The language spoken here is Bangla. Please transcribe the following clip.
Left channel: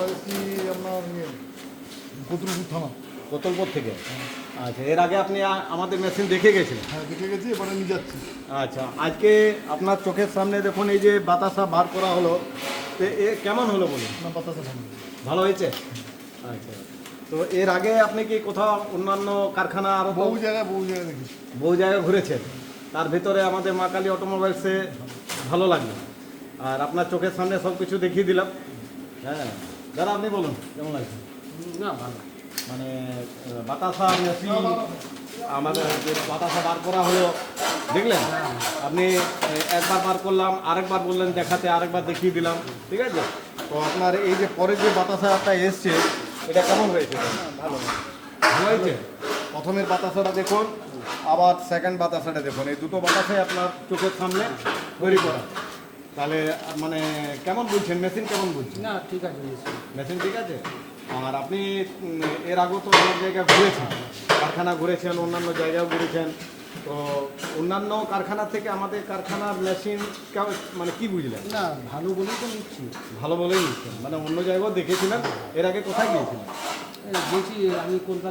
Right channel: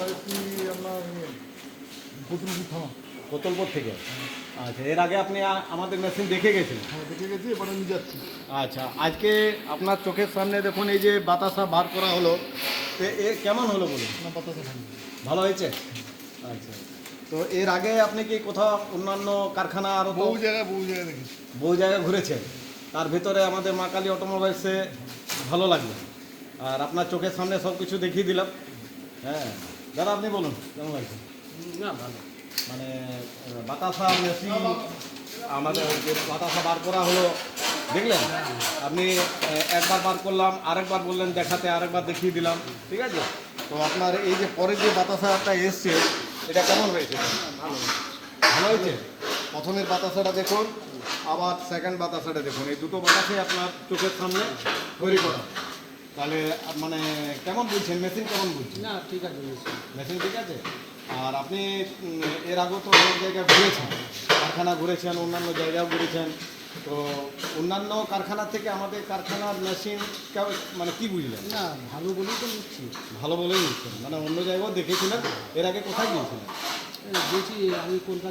আমরা যাচ্ছি আপনার কতুলপুর থানা। কোতলপুর থেকে? আচ্ছা, এর আগে আপনি আমাদের মেশিন দেখে গেছিলেন? হ্যাঁ, দেখে গেছি, এবারে নিয়ে যাচ্ছি। আচ্ছা, আজকে আপনার চোখের সামনে দেখুন এই যে বাতাসা বার করা হলো, এ কেমন হলো বলুন? না, বাতাসা ভালো। ভালো হয়েছে? আচ্ছা, তো এর আগে আপনি কি কোথাও অন্যান্য কারখানা আরও বহু জায়গায় দেখেছি। বহু জায়গায় ঘুরেছেন, তার ভিতরে আমাদের মা কালী অটোমোবাইলসে ভালো লাগলো, আর আপনার চোখের সামনে সব কিছু দেখিয়ে দিলাম। হ্যাঁ, দাদা আপনি বলুন কেমন লাগছে? না ভালো। মানে বাতাসা মেশিন আমাদের যে বাতাসা বার করা হলো দেখলেন আপনি? একবার বার করলাম, আরেকবার বললেন দেখাতে, আরেকবার দেখিয়ে দিলাম, ঠিক আছে? তো আপনার এই যে পরে যে বাতাসাটা এসছে এটা কেমন হয়েছে? ভালো ভালো হয়েছে? প্রথমের বাতাসাটা দেখুন, আবার সেকেন্ড বাতাসাটা দেখুন, এই দুটো বাতাসাই আপনার চোখের সামনে তৈরি করা। তাহলে মানে কেমন বুঝছেন? মেশিন কেমন বুঝছেন? না, ঠিক আছে। মেশিন ঠিক আছে? আর আপনি এর আগেও তো অনেক জায়গায় ঘুরেছেন, কারখানা ঘুরেছেন, অন্যান্য জায়গাও ঘুরেছেন, তো অন্যান্য কারখানা থেকে আমাদের কারখানার মেশিন মানে কি বুঝলেন? না, ভালো বলেই তো নিচ্ছি। ভালো বলেই নিচ্ছেন, মানে অন্য জায়গাও দেখেছিলেন? এর আগে কোথায় গিয়েছিলেন? গেছি আমি কলকাতা।